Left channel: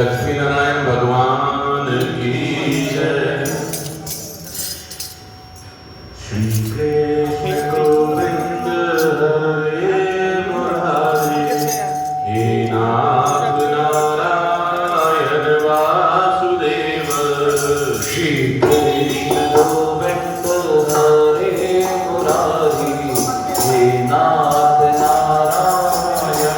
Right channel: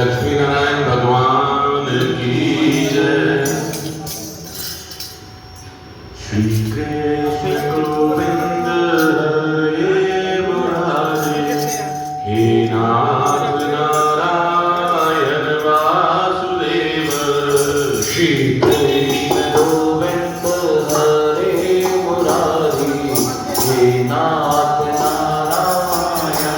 लक्ष्मी नारायण भगवान की जय। श्री कृष्ण गोविंद हरे मुरारी, हे नाथ नारायण वासुदेव। श्री कृष्ण गोविंद हरे मुरारी, हे नाथ नारायण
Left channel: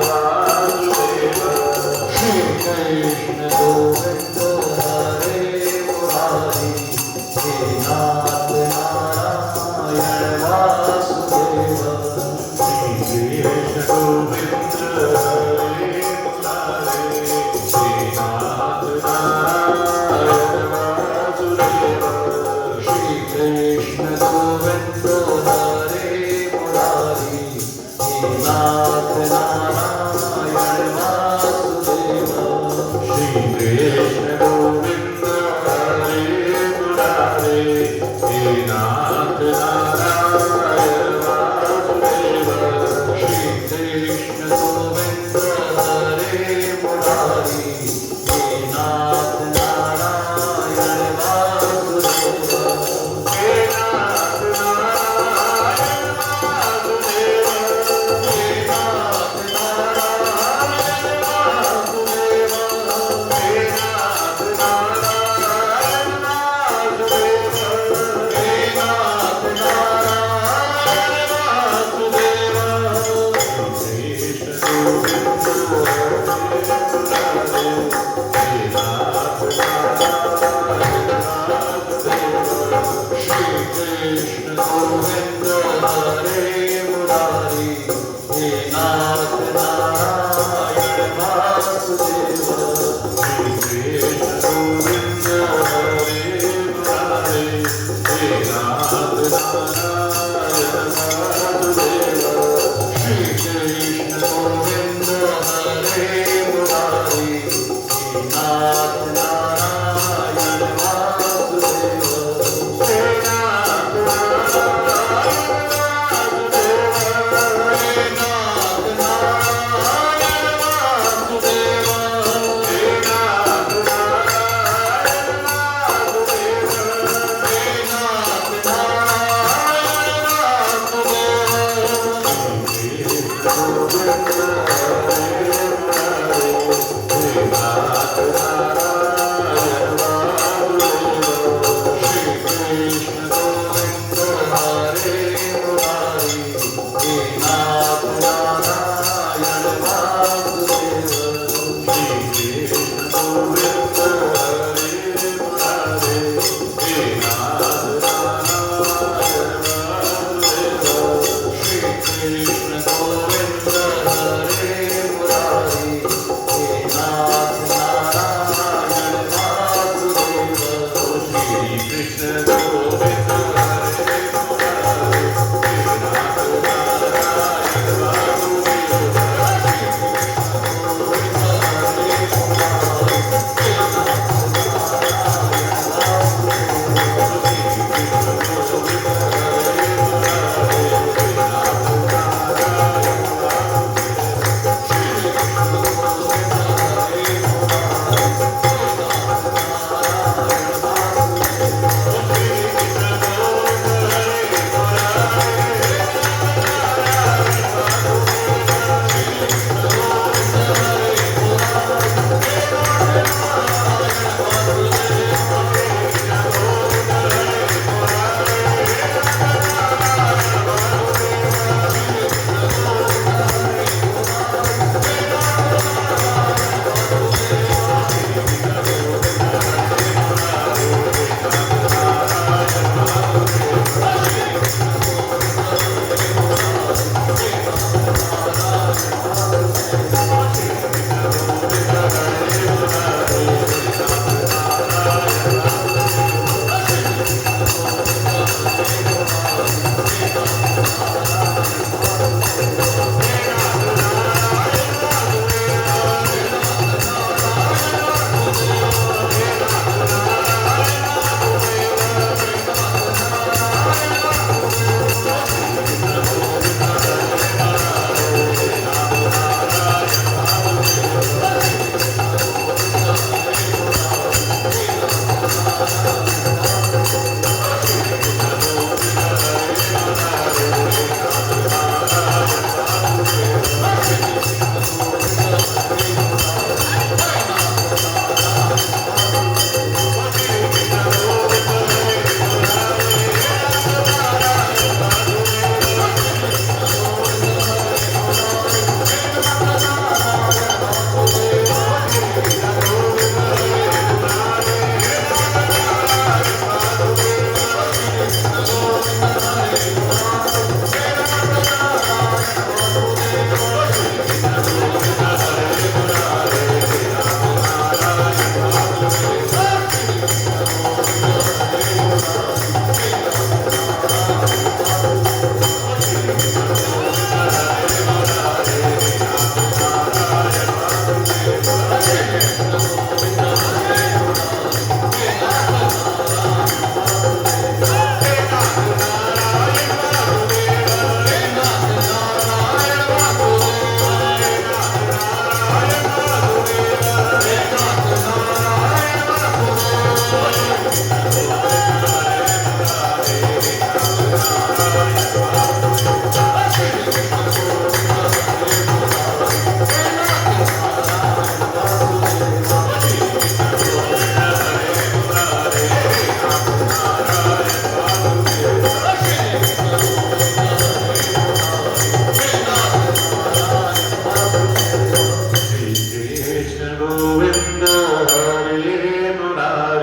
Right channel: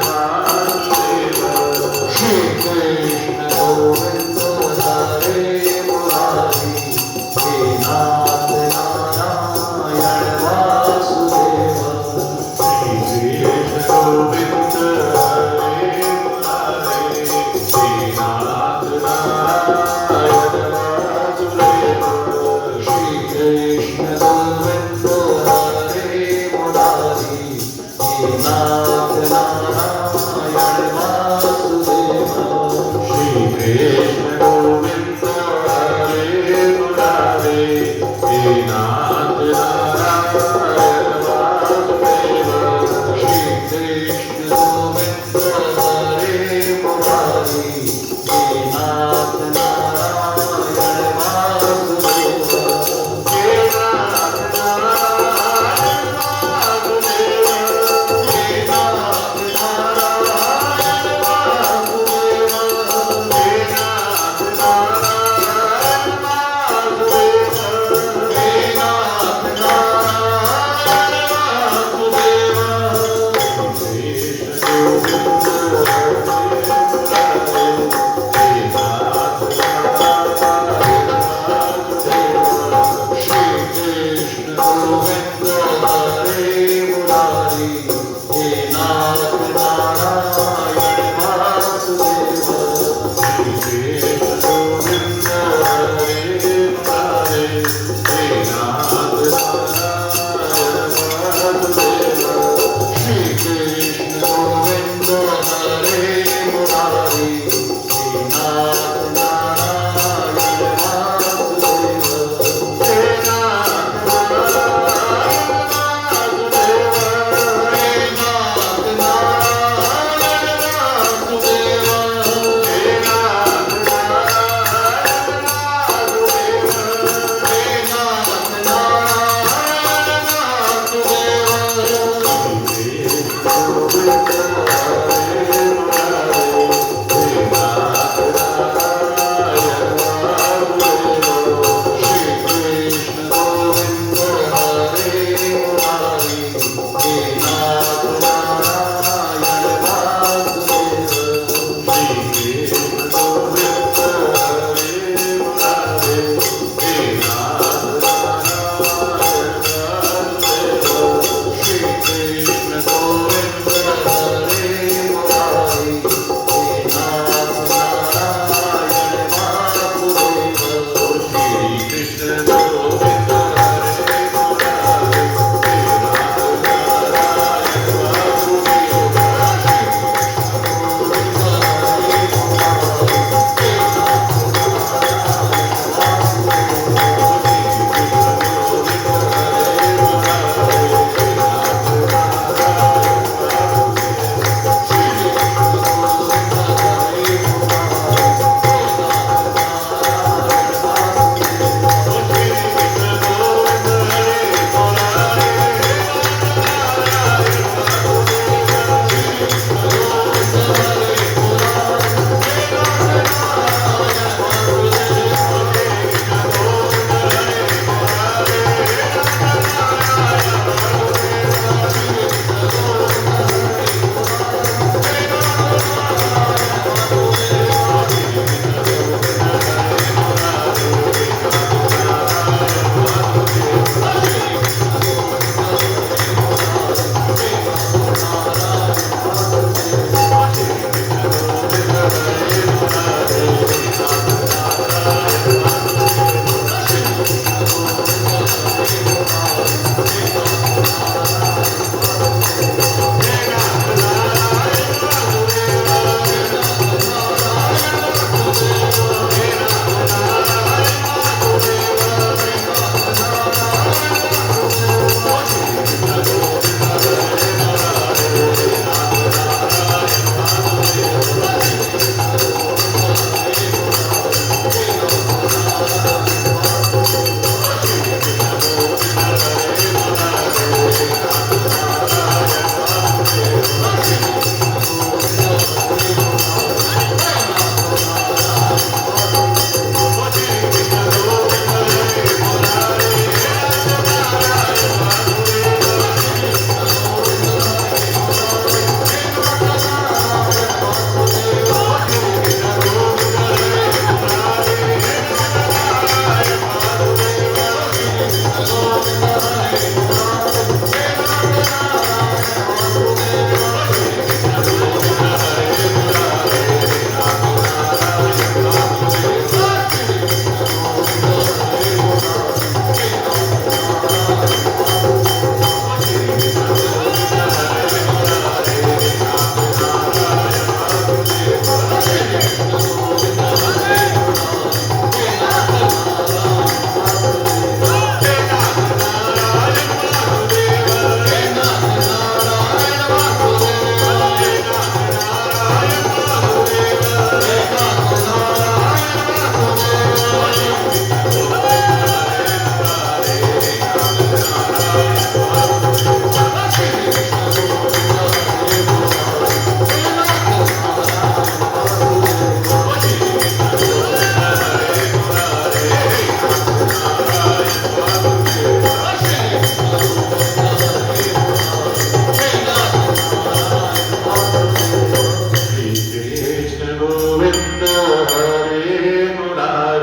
वासुदेव। श्री कृष्ण गोविंद हरे मुरारी,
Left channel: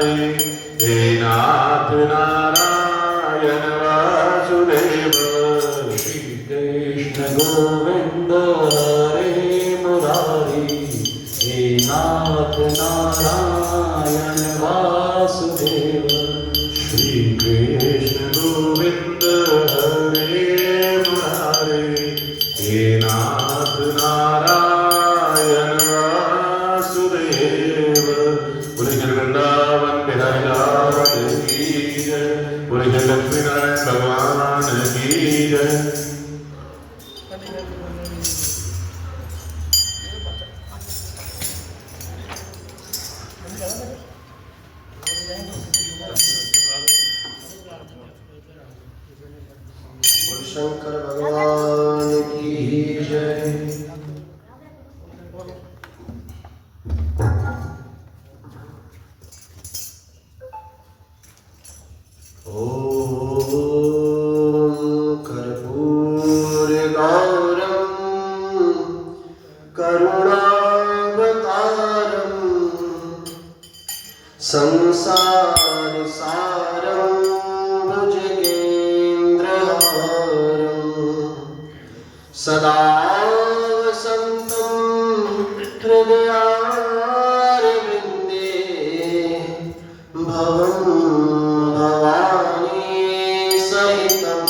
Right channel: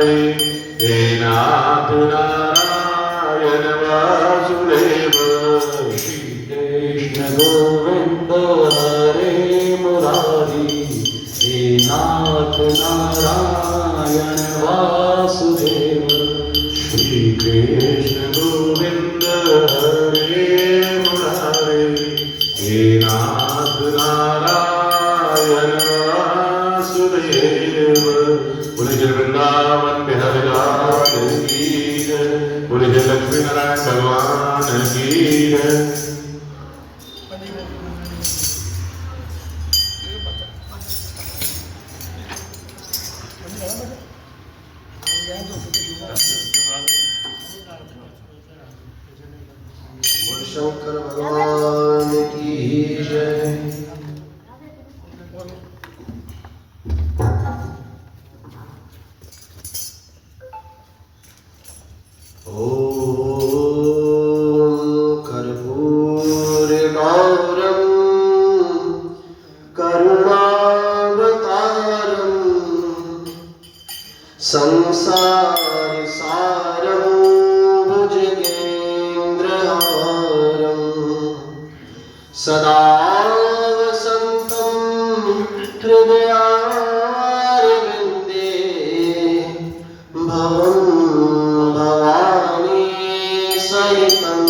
मुरारे हे नाथ नारायण वासुदेव श्री कृष्ण गोविंद हरे मुरारी हे नाथ नारायण वासुदेव श्री कृष्ण गोविंद हरे मुरारे हे नाथ नारायण वासुदेव बोले जय वृंदावन बिहारी लाल की जय बोले जय लक्ष्मी नारायण भगवान की जय शंकर भगवान की जय। ओम कर्पूरगौरं करुणावतारं संसारसारं भुजगेन्द्रहारं सदा वसन्तं हृदयारविन्दे भवं भवानी सहितं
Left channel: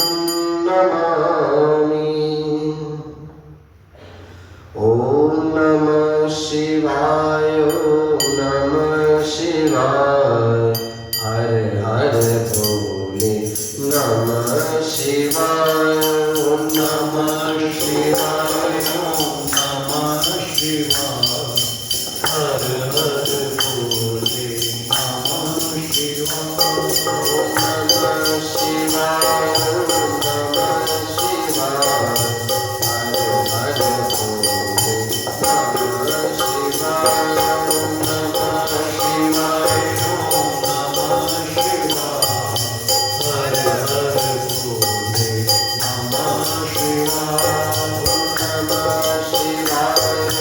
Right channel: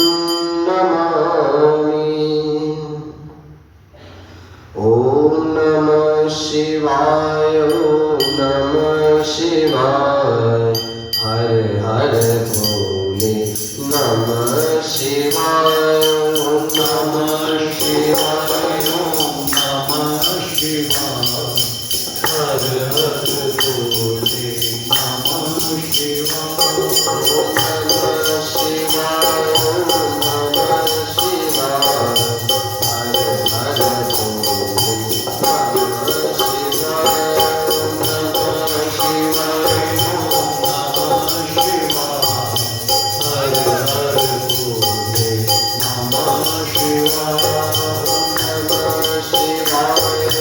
नमामि। ॐ नमः शिवाय ॐ नमः शिवाय हर हर भोले नमः शिवाय ॐ नमः शिवाय ॐ नमः शिवाय हर हर भोले नमः शिवाय ॐ नमः शिवाय ॐ नमः शिवाय हर हर भोले नमः शिवाय ॐ नमः शिवाय ॐ नमः शिवाय हर हर भोले नमः शिवाय नमः शिवाय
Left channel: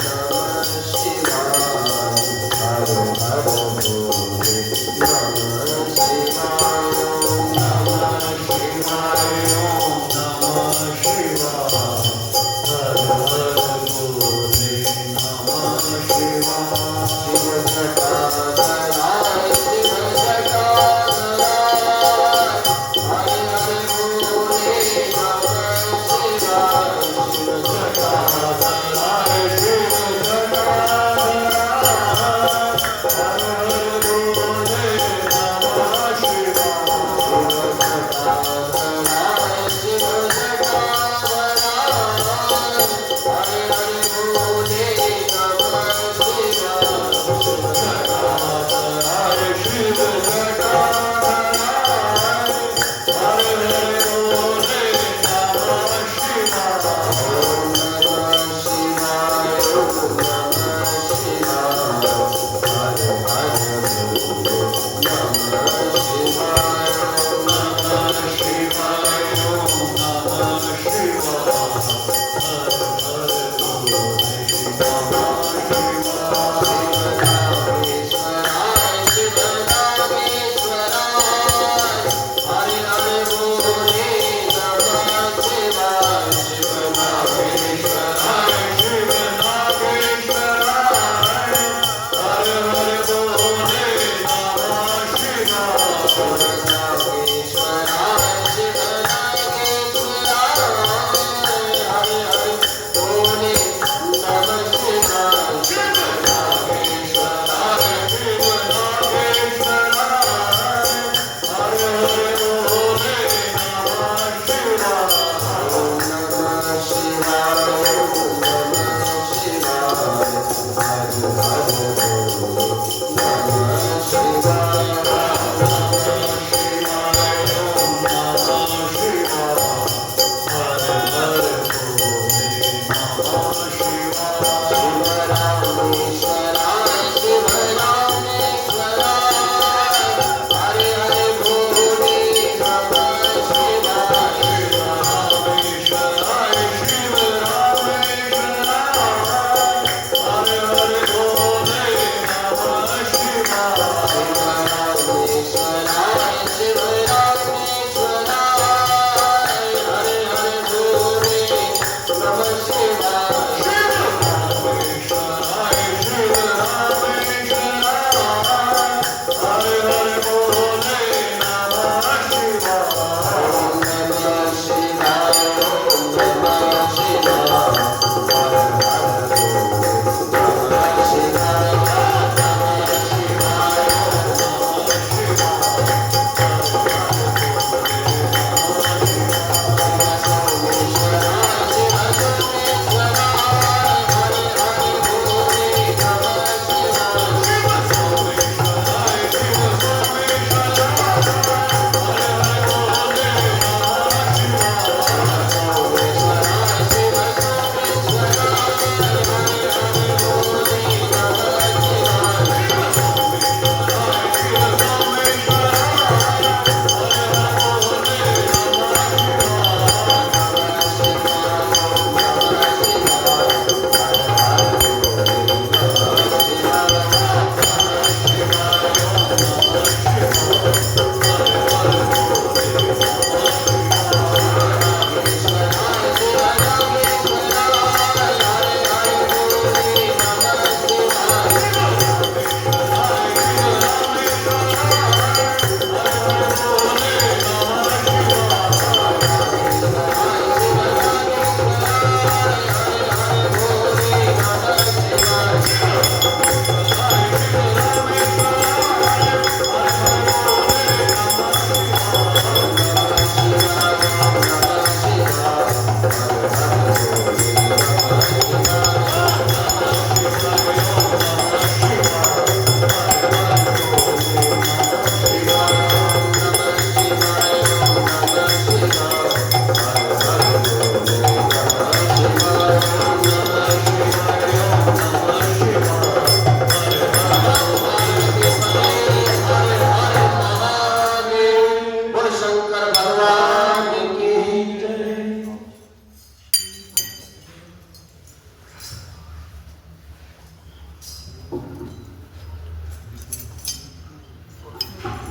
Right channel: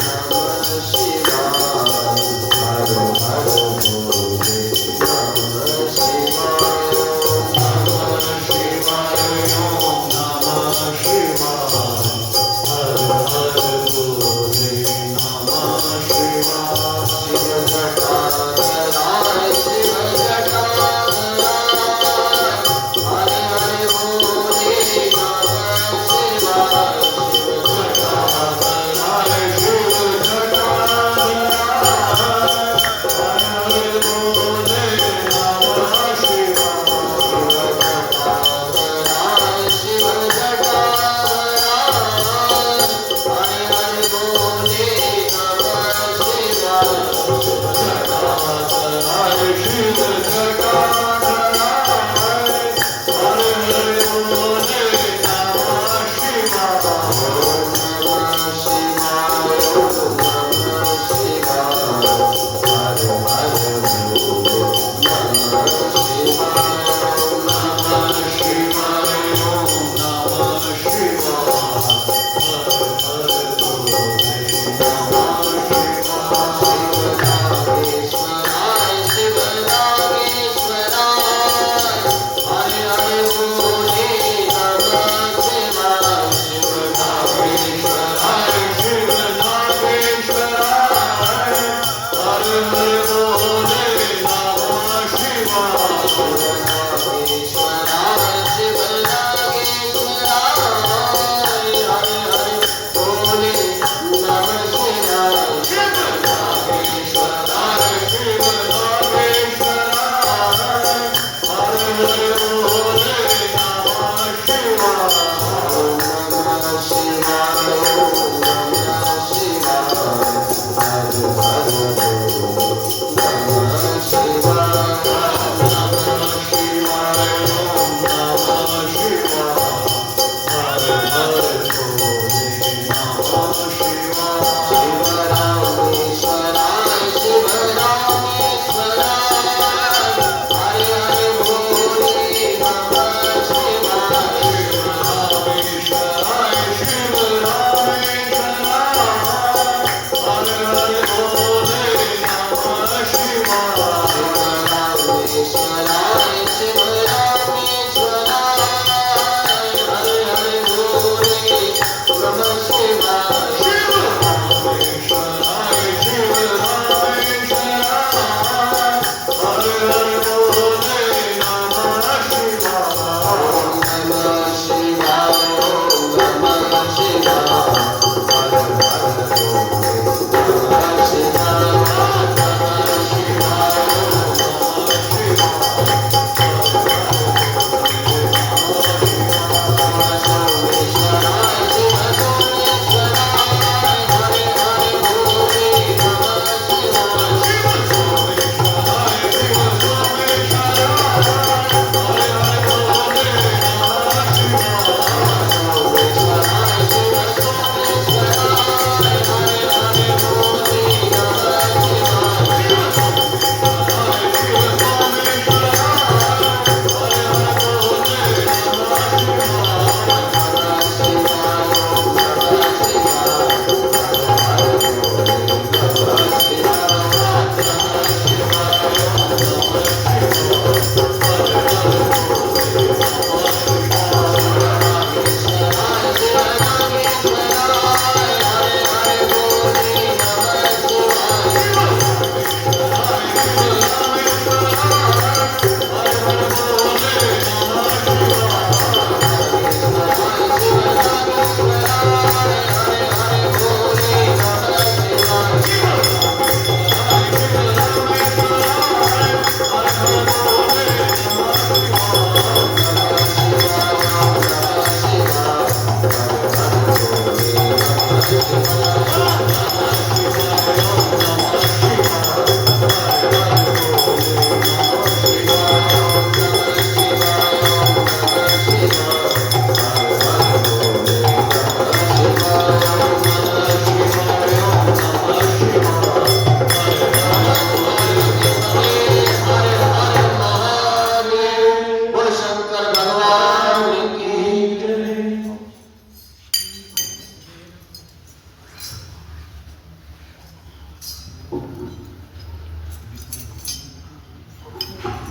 नमः शिवाय हर हर भोले नमः शिवाय नमः शिवाय नमः शिवाय हर हर भोले नमः शिवाय शिव जटाधराय शिव जटाधराय हर हर भोले नमः शिवाय शिव जटाधराय शिव जटाधराय हर हर भोले नमः शिवाय शिव जटाधराय शिव जटाधराय हर हर भोले नमः शिवाय शिव जटाधराय हर हर भोले नमः शिवाय ओम नमः शिवाय ओम नमः शिवाय हर हर भोले नमः शिवाय ओम नमः शिवाय ओम नमः शिवाय हर हर भोले नमः शिवाय शिव नागेश्वराय हर हर भोले नमः शिवाय शिव नागेश्वराय शिव नागेश्वराय हर हर भोले नमः शिवाय शिव नागेश्वराय शिव नागेश्वराय हर हर भोले नमः शिवाय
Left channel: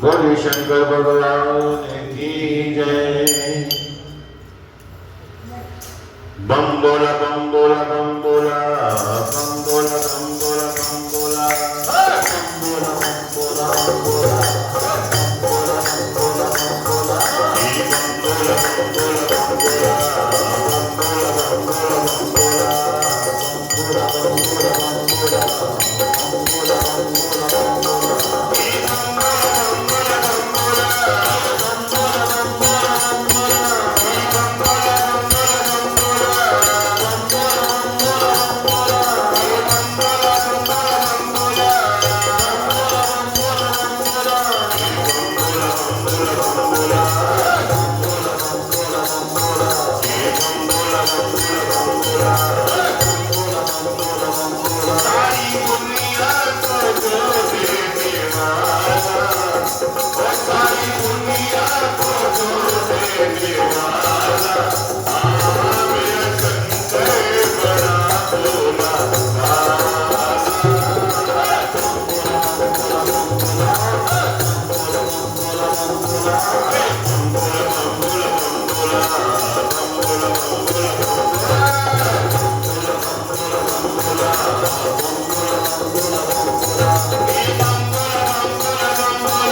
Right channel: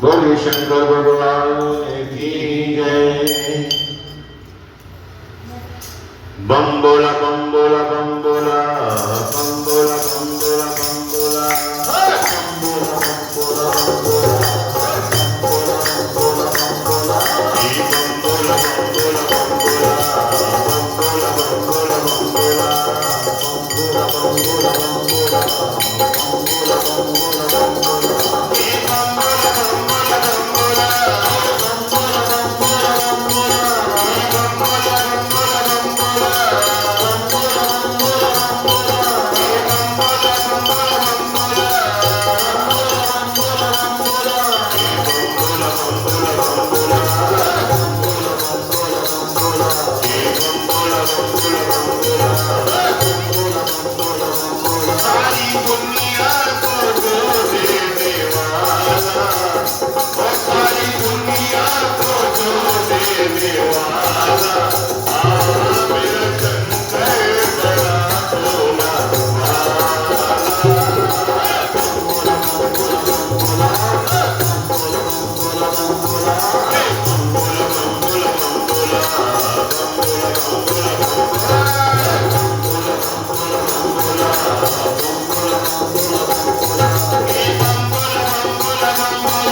बोले शंकर भगवान की जय। बम बोला बम बोला बम बोला बम बोला बम बोला बम बोला बम बोला बम बोला बम बोला बम बोला बम बोला बम बोला ई बम बोला बम बोला बम बोला बम बोला बम बोला बम बोला बम बोला बम बोला बम बोला बम बोला बम बोला बम बोला ई बम बोला बम बोला बम बोला बम बोला बम बोला बम बोला ई बम बोला बम बोला बम बोला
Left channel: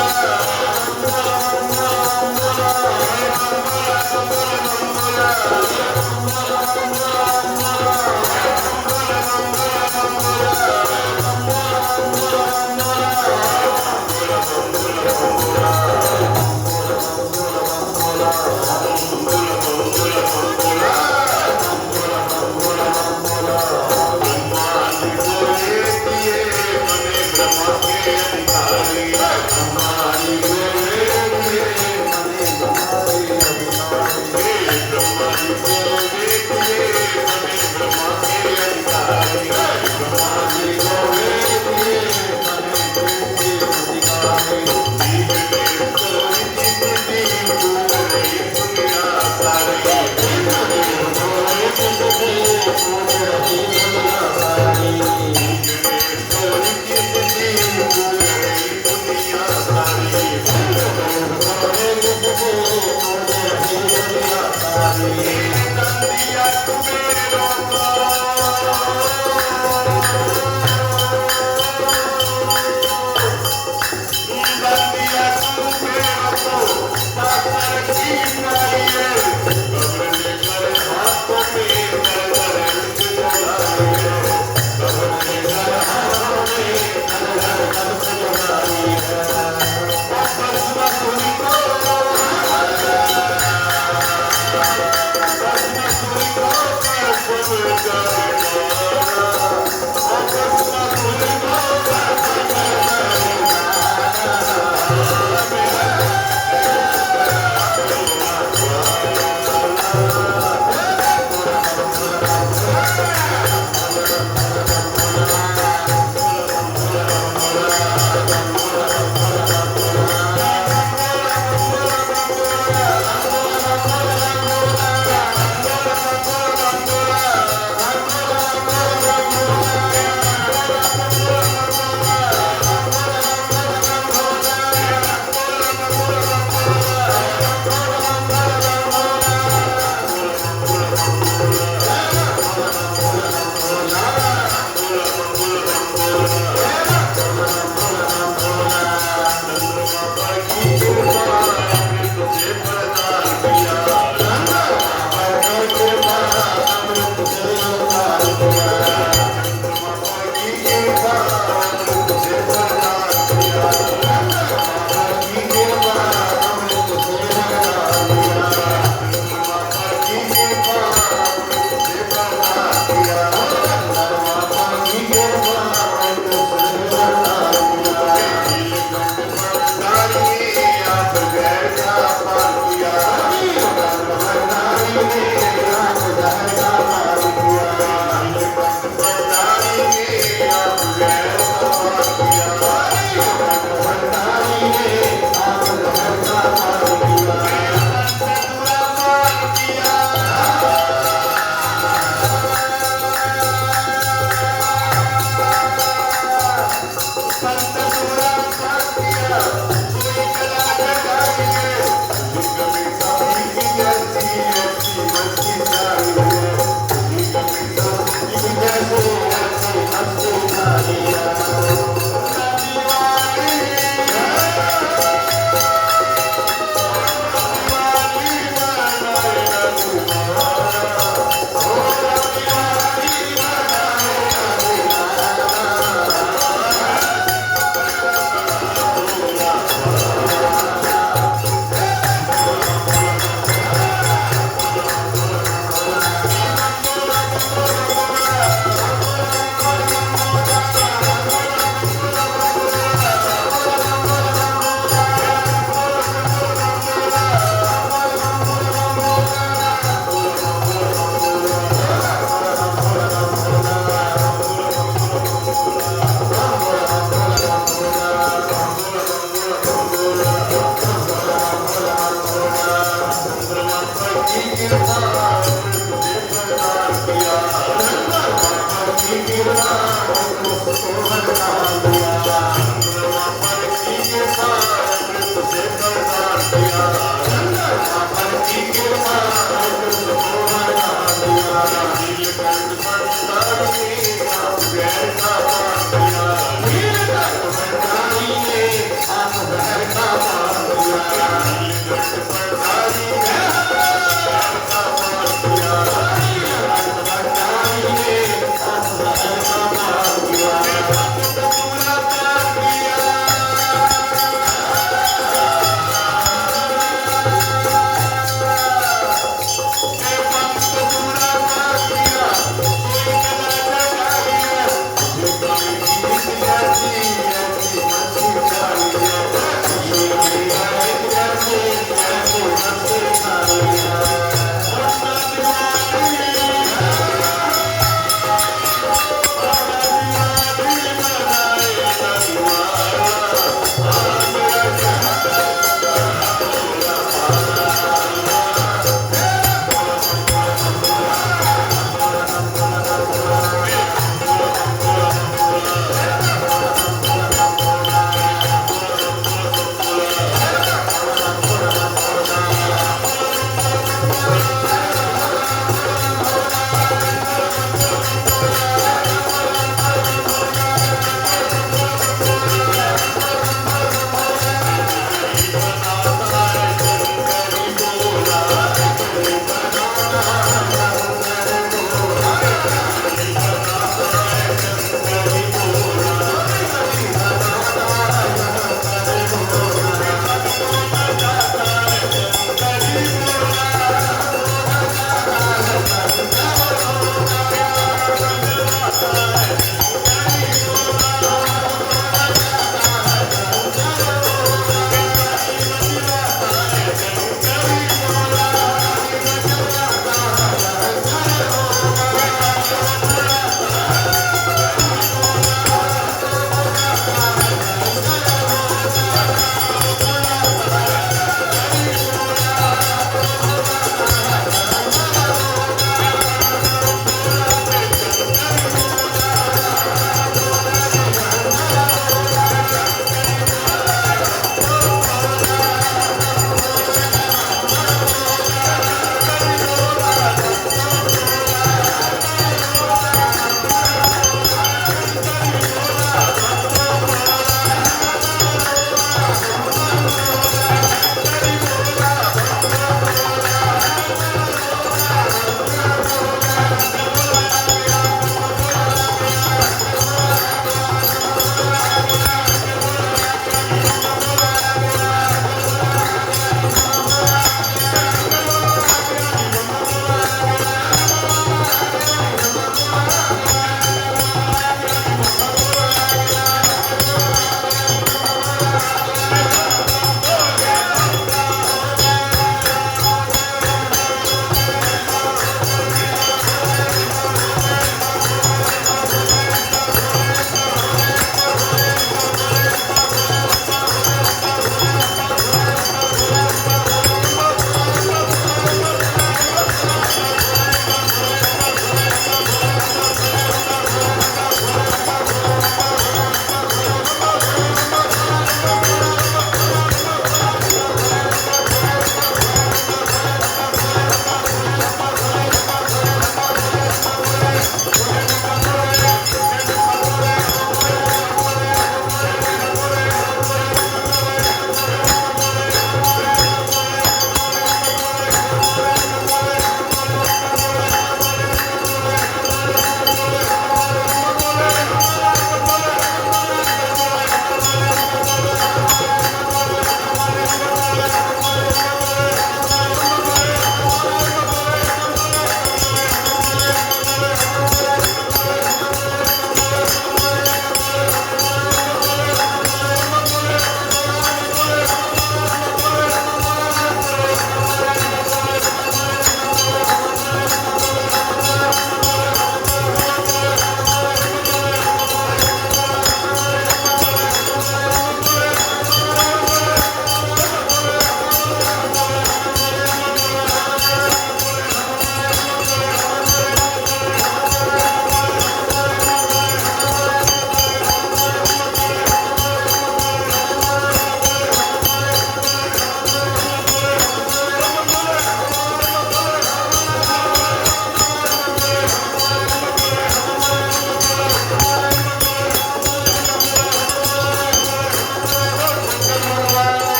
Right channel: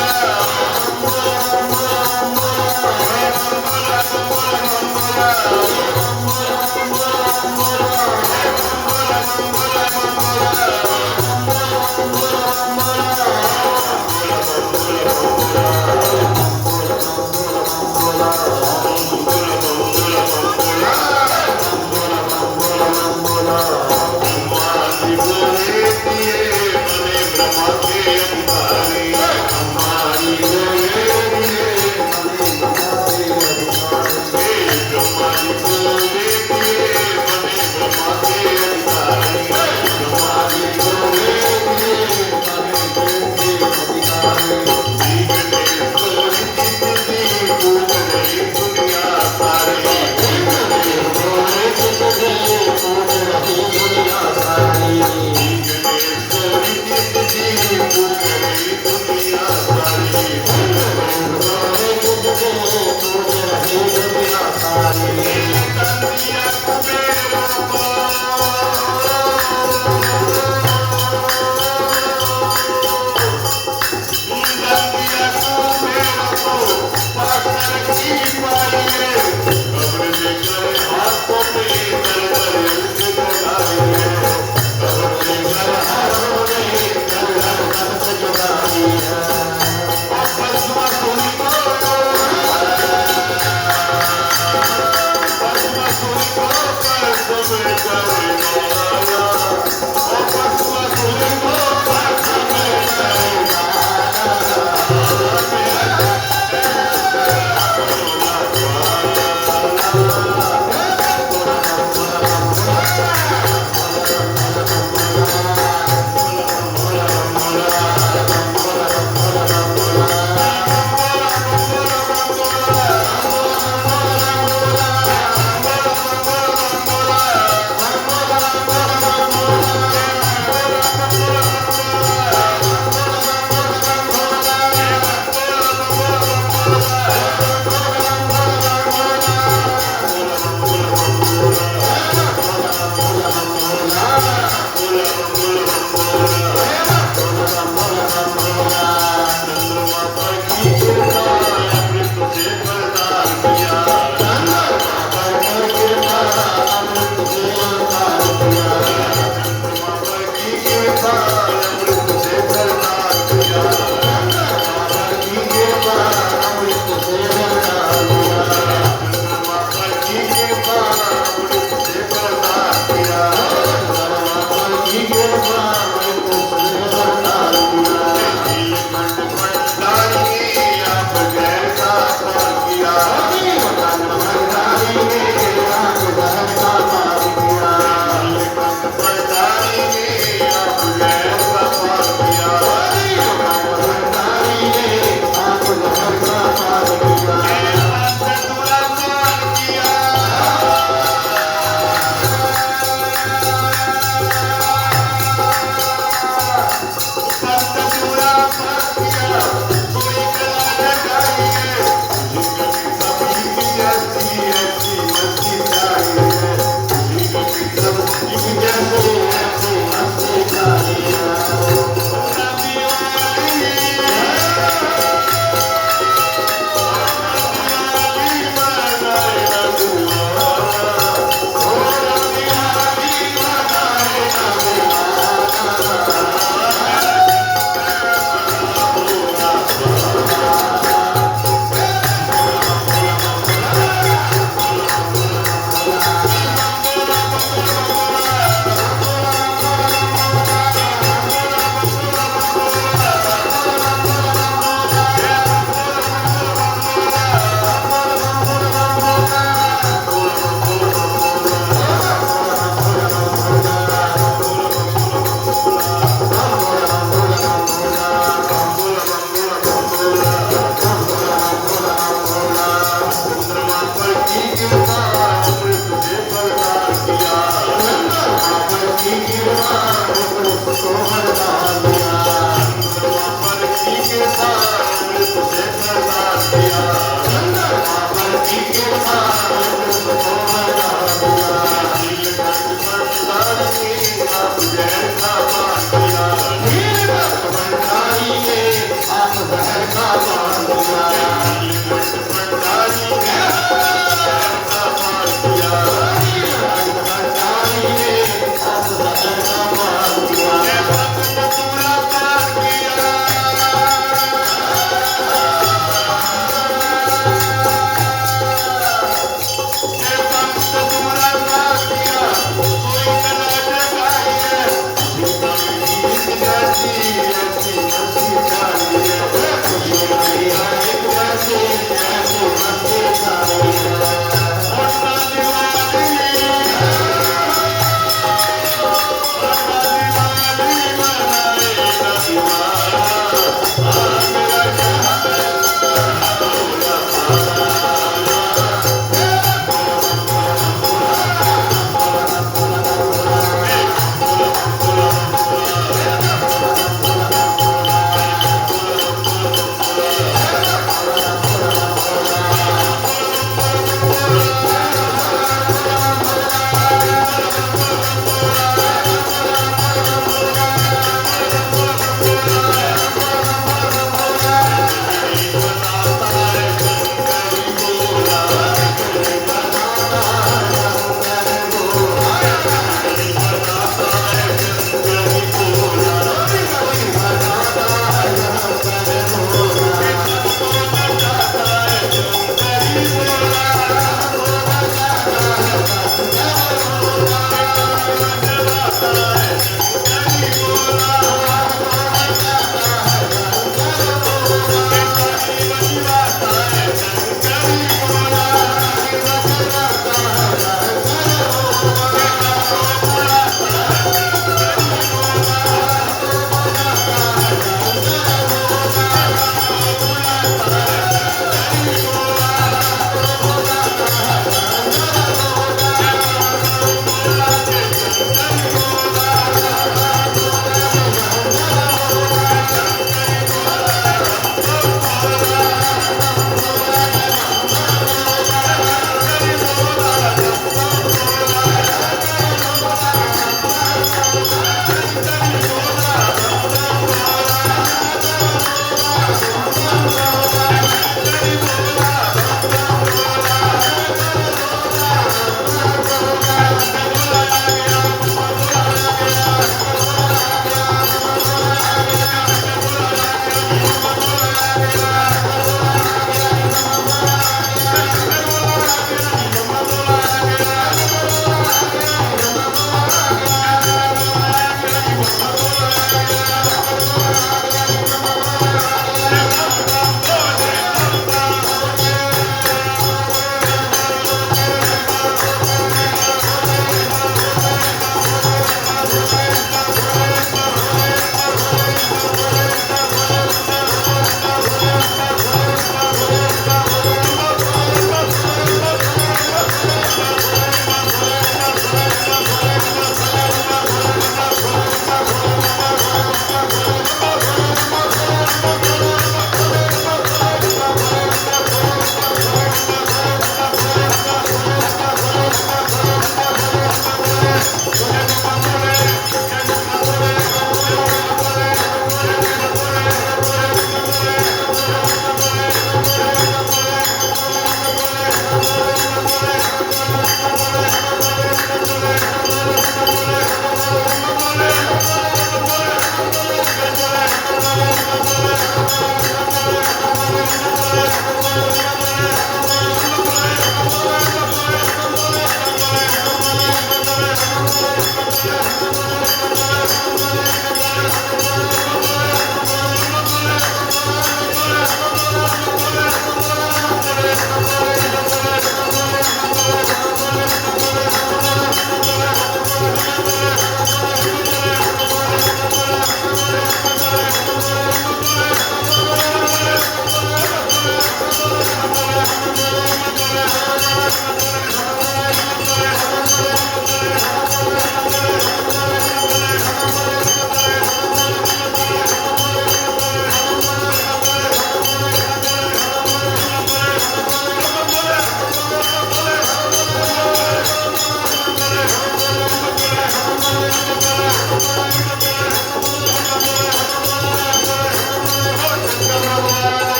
से प्रदान किया गंगा माता की कृपा तुमको बना दिया नीलकंठ भंडारी आप गैर का पान किया नीलकंठ भंडारी ने आप गैर का पान किया नीलकंठ भंडारी ने गैर का पान किया नीलकंठ भंडारी ने आप गैर का पान किया पूरा पान किया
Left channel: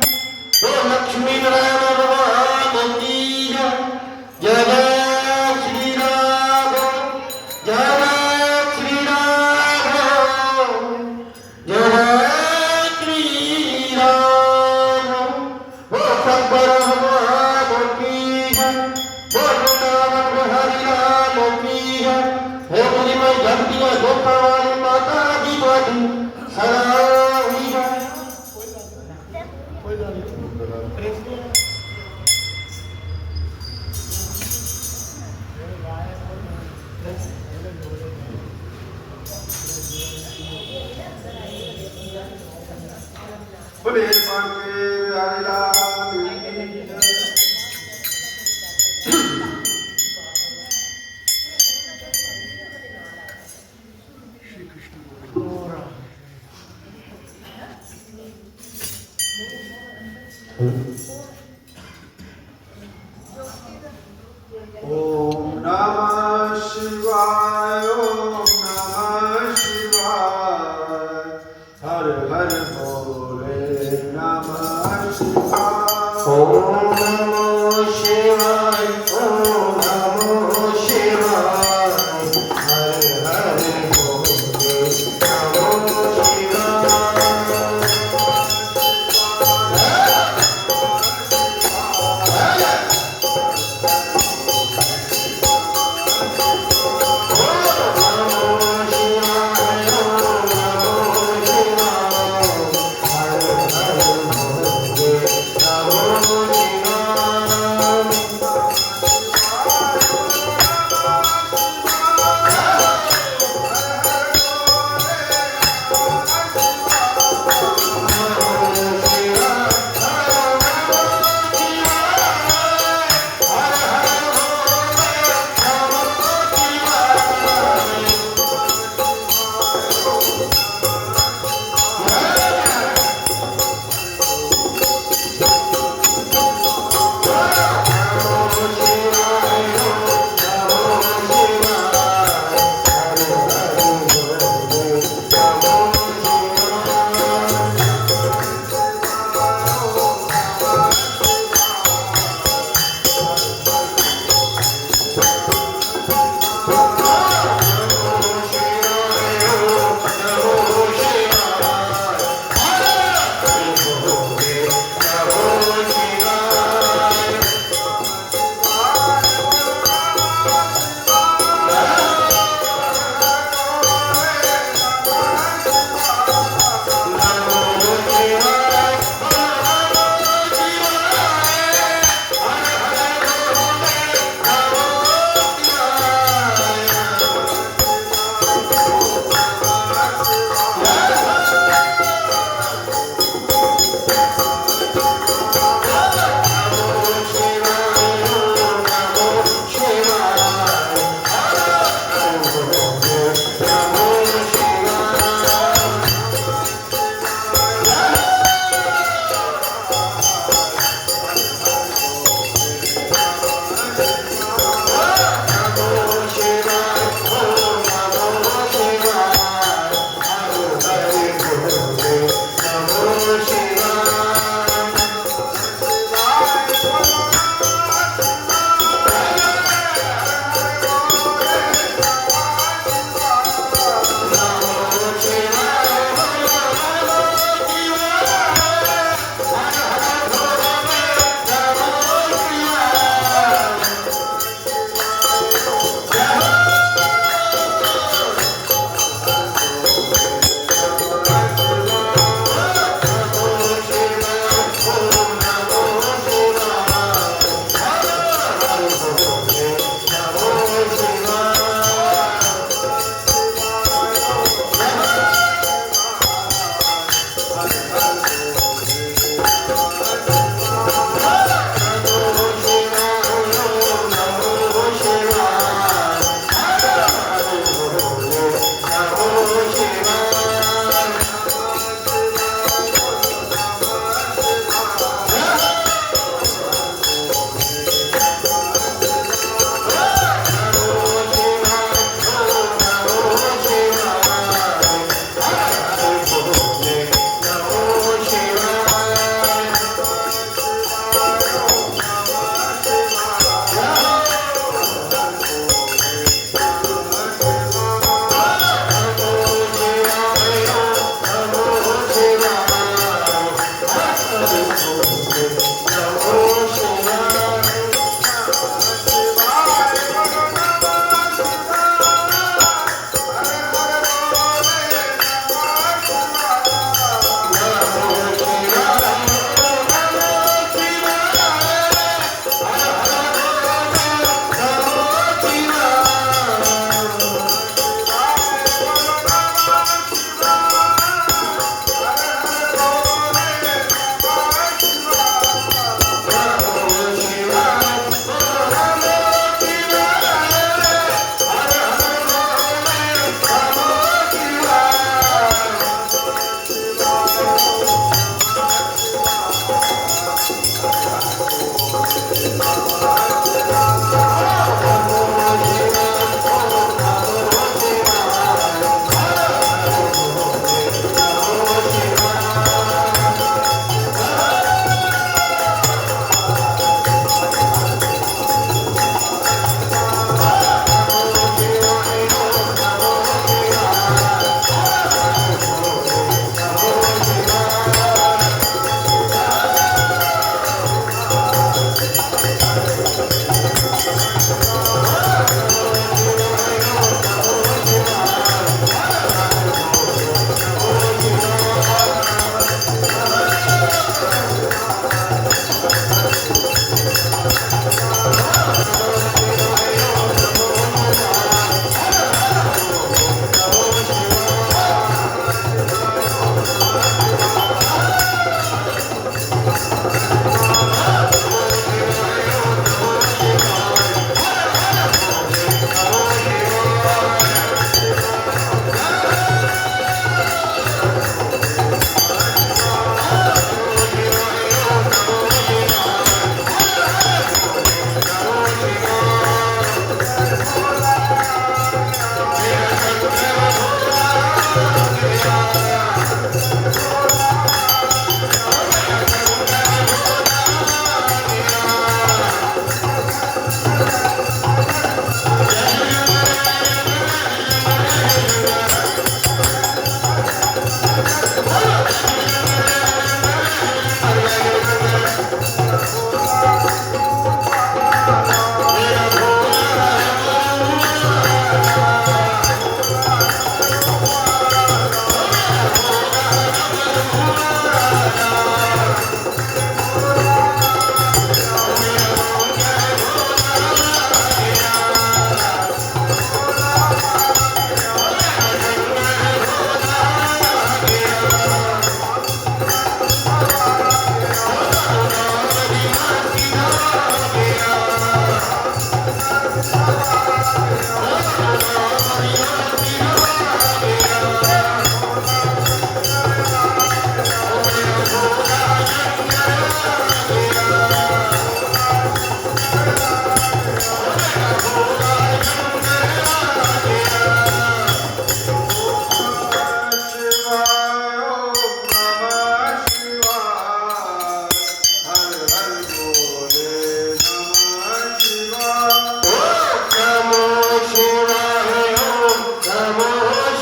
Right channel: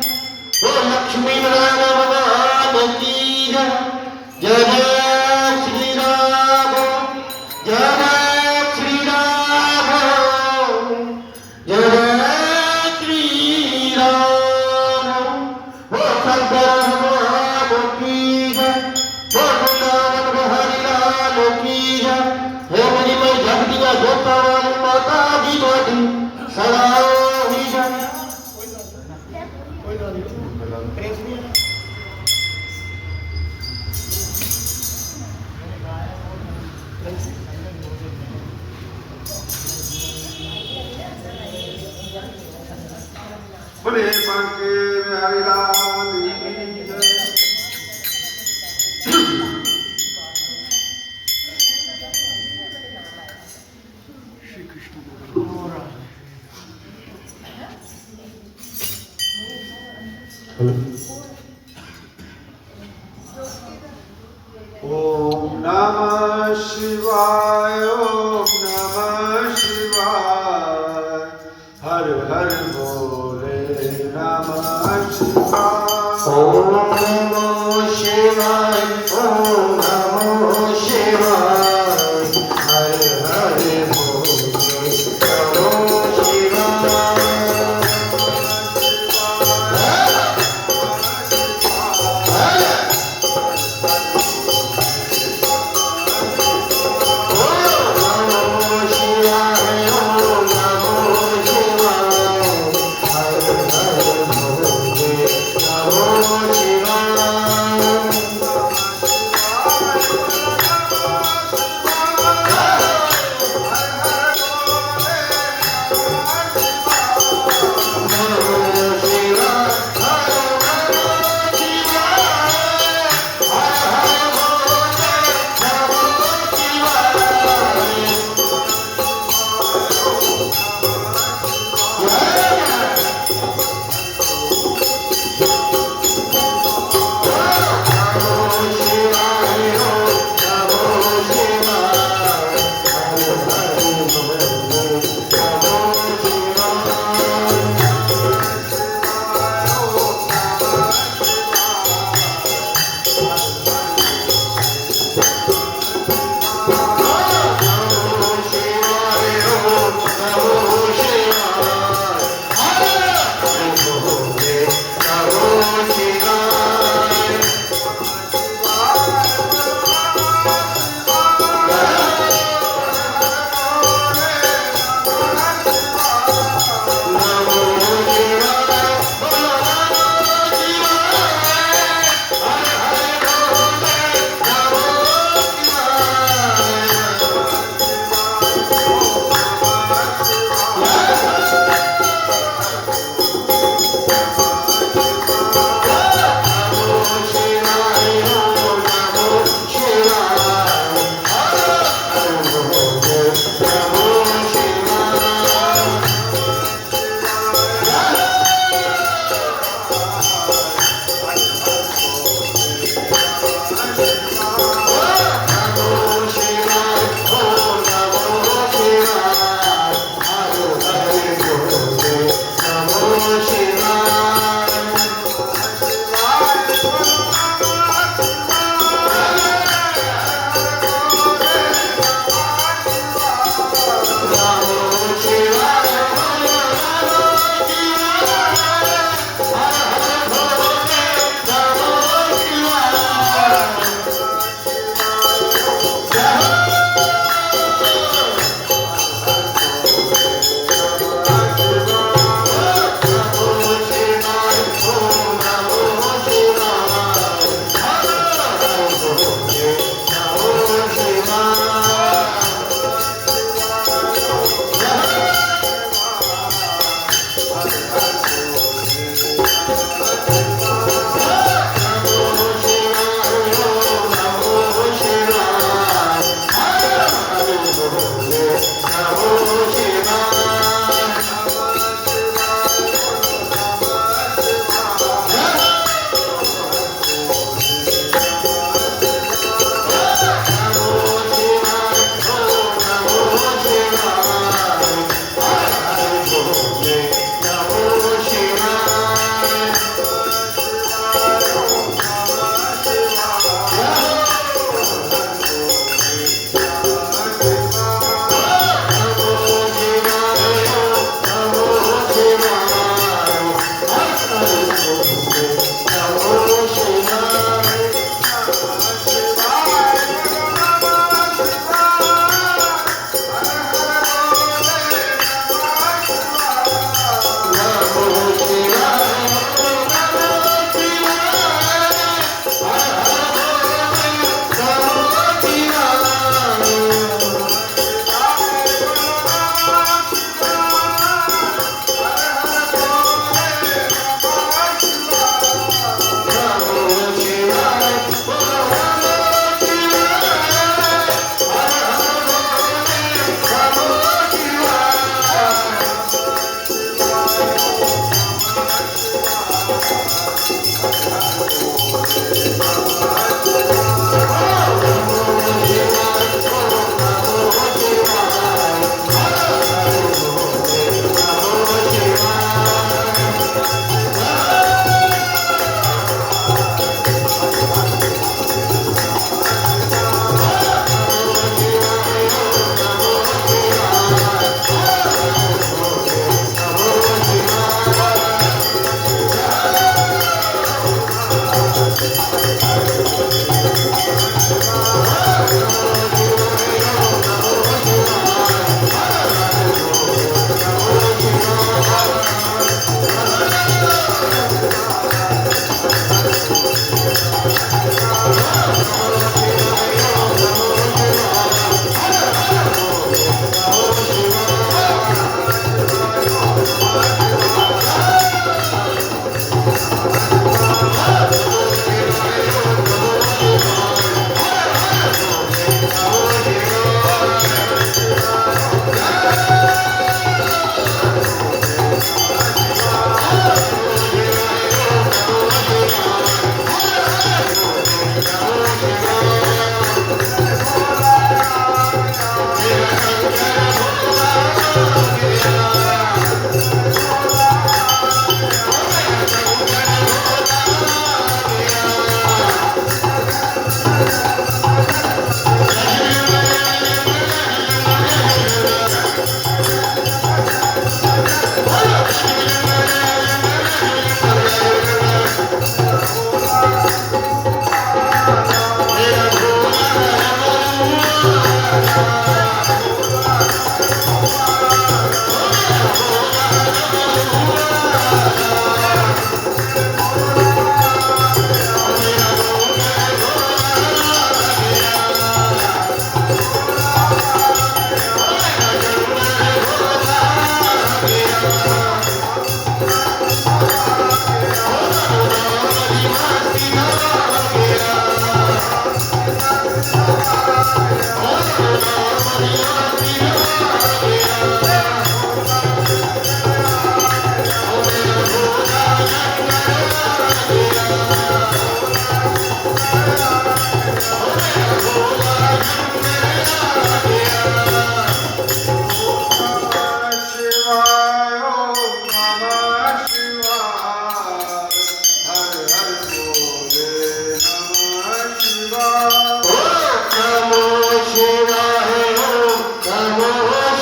लक्ष्मी नारायण भगवान की जय जय जय श्री राम जय जय श्री राम जय जय श्री राम हो शंकर भगवान की जय हो वृंदावन हरि लाल की जय हे मुझे मैं जगतिया जोता वाली माता दी बाटी सदा हुई जय बोले बांके बिहारी लाल की जय। श्री कृष्ण ओम नमः शिवाय ओम नमः शिवाय हर हर बोले नमः शिवाय ओम नमो शिवाय ओम नमो शिवाय हर हर बोले नमो शिवाय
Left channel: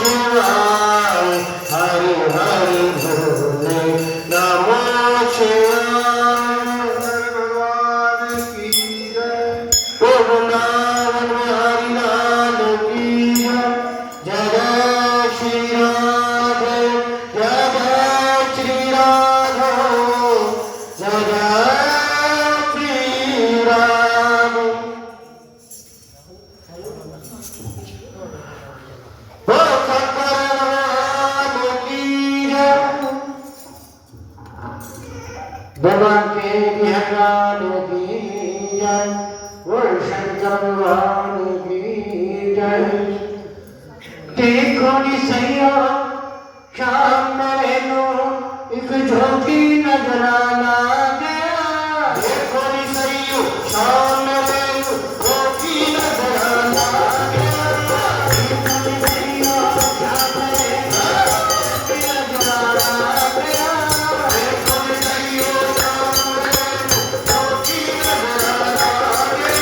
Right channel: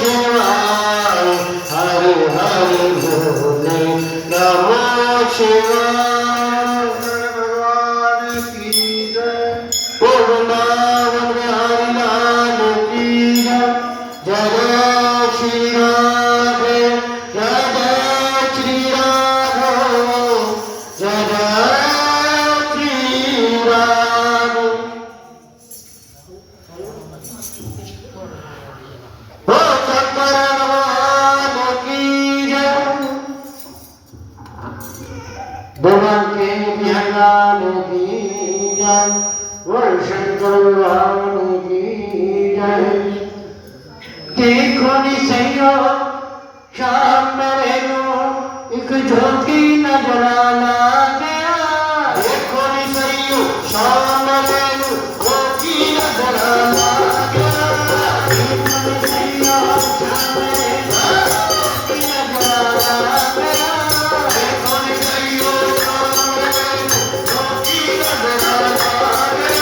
शिवाय हरि हरि बोले नमो शिवाय भगवान की जय वृंदावन बिहारी लाल की जय जय श्री राधे जय जय श्री राघव जय जय श्री राधे हो शंकर भगवान की जय भगवान के ज्ञान की जय वो शंकर भगवान की जय देखो निसैयो शाम मेरे नो एक ज्योति नजर आ गया देखो निसैयो शाम मेरे नो ज्योति नजर आ गया देखो निसैयो शाम मेरे नो ज्योति नजर आ गया देखो निसैयो शाम मेरे नो ज्योति नजर आ गया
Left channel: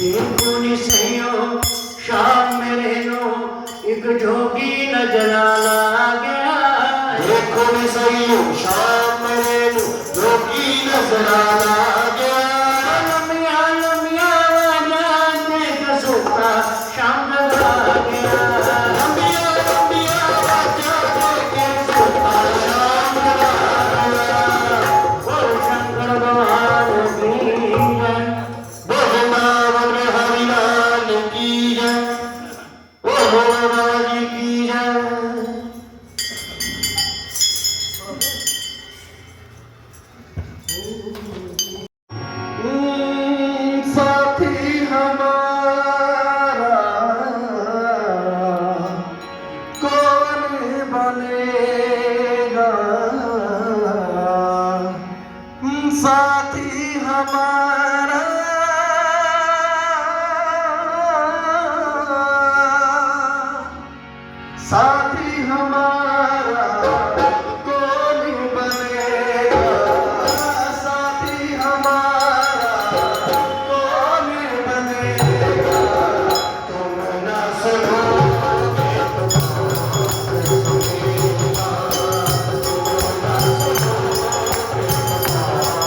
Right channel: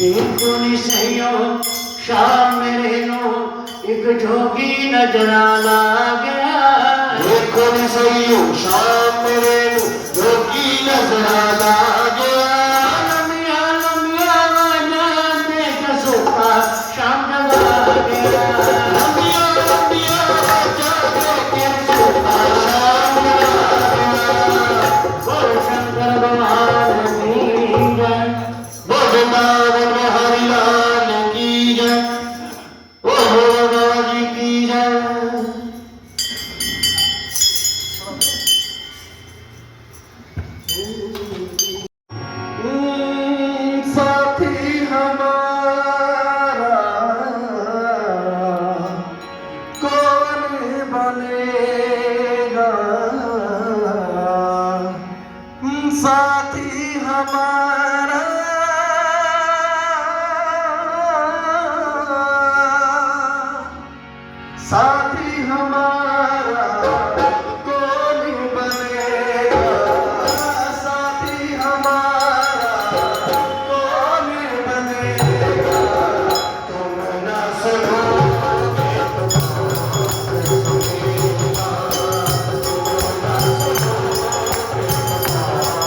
देखो सैयो शाम मेरे नो एक जोगी नजर आ गया देखो नी सही शाम मेरे नु जोगी नजर आ गया लमिया लमिया आवाज़ में कसोता शाम जब आ गया लंबिया लंबिया आवाज़ के सोता शाम बोल शंकर भगवान की जय भगवान हरिलाल की जय ओ भगवान की जय साथी हमारा कौन बनेगा साथी हमारा साथी हमारा कौन बनेगा साथी हमारा कौन बनेगा तुम न सुनोगे तो कौन सुनेगा तुम न सुनोगे तो कौन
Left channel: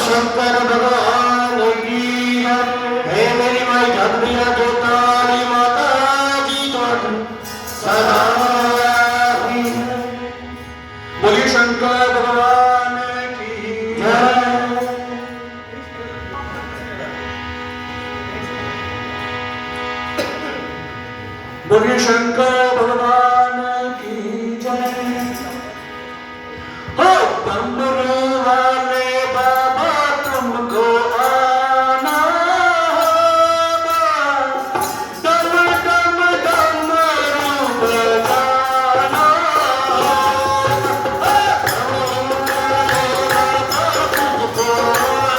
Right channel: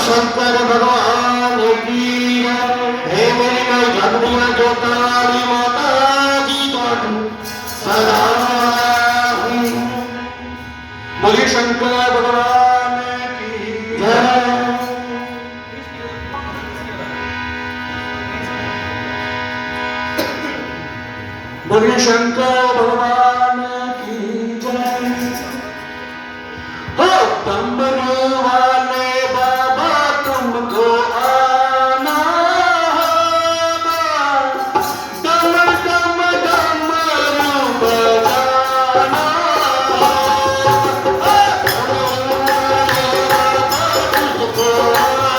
शंकर भगवान की हे मेरी माँ झगड़िया जोतारी माता की सदा बोलिए शंकर भगवान की जय। बोलिए शंकर भगवान की जय। हो डमरू वाले बाबा तुमको आना होगा, डम डम डमरू बजाना होगा। तुमको आना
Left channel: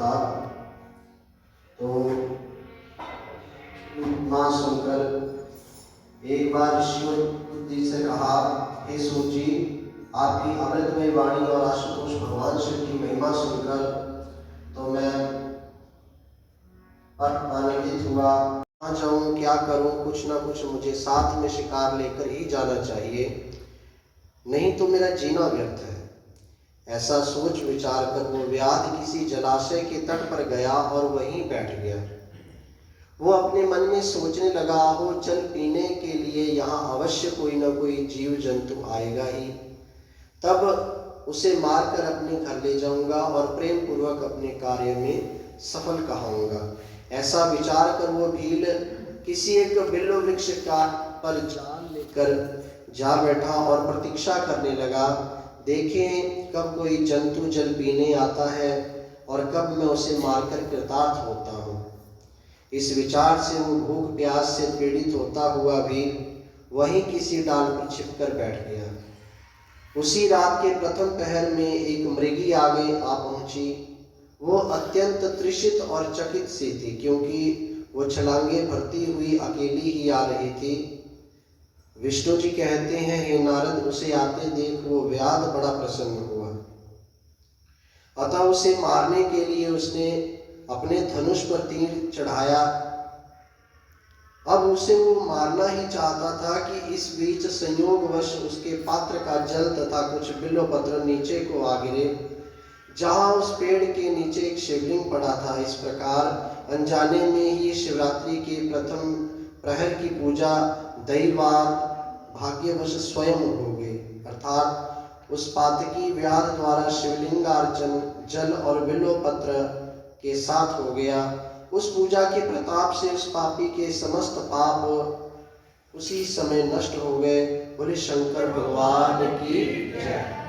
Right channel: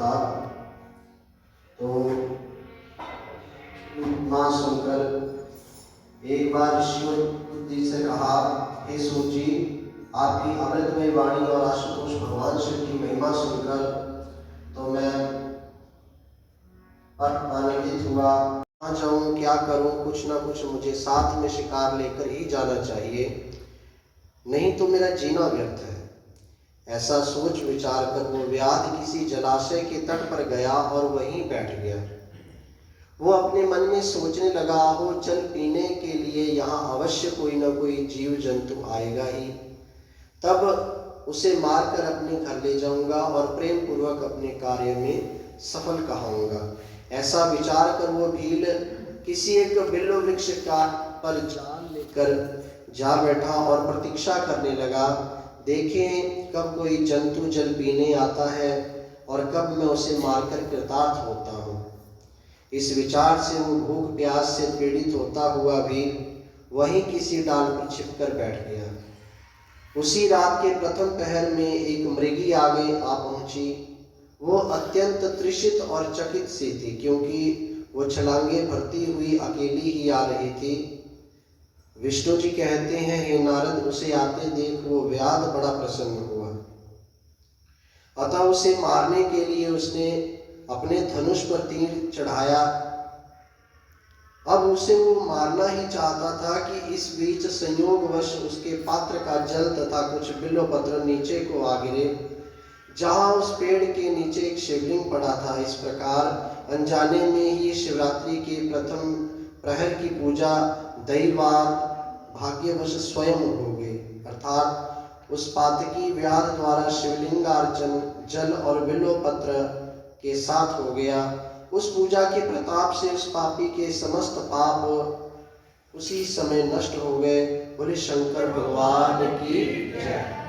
था। तो माँ सुनकर एक बार शिव बुद्धि से कहा, हे सूत जी, आपकी अमृतमय वाणी और आशुतोष भगवान शिव की महिमा सुनकर तो मैं आनंदित हुआ। कहाँ जाऊँ, क्या करूँ, कुछ ना कुछ मुझे साथ में शिकार लेकर ही जाना चाहिए, नहीं तो मेरा जीना व्यर्थ है। ऐसा सोच विचार कर वो व्याध किसी जलाशय के तट पर गया और वहीं बैठ गया। वो अपने मन में सोचने लगा, हो जल पीने के लिए यहाँ अवश्य कोई न कोई जीव जंतु आएगा ही, तब उसे मारकर अपने घर ले जाऊंगा और प्रेम पूर्वक अपने कार्य में सफल कहूँगा। ऐसा विचार कर वो भील किसी एक बिल्व वृक्ष का पर जाल लेकर जा बैठा और प्रतीक्षा करने लगा, देखें कब कोई जंतु जल पीने आता है और कब मैं उसे मारकर कृतार्थ होता हूँ। इस विचार से वो भूख प्यास से पीड़ित होता हुआ भी वहीं किसी डाल पर छिपकर बैठ गया। उसी रात के प्रथम पहर में एक मृगी आगे आ पहुंची। वो अत्यंत तृषित और चकित सी थी, क्योंकि वो छलांगे भरती हुई अकेली ही आ रही थी। विष्णु जी कहते हैं, हे नारद, उसे आते देख वो व्याध बड़ा प्रसन्न हुआ। अतः उसे मारने के लिए उसने अपने धनुष पर तीर चढ़ाया। अब उसे वो मारना ही चाहता था कि इस बीच संयोगवश उसके पात्र का जल तथा कुछ बिल्व पत्र नीचे को आ गिरे, जहाँ उस पेड़ के नीचे एक शिवलिंग पड़ा था। इस प्रकार अनजाने में ही शिवरात्रि के प्रथम प्रहर की पूजा दैवात भाग्यवश स्वयं हो गई, अर्थात उस पातकी व्याध द्वारा शिवलिंगार्चन जल और बिल्व पत्र के साथ हो गया। उस पूजा के प्रताप से उस पापी के समस्त पाप उसी समय नष्ट हो गए। बोले शंकर भगवान की जय।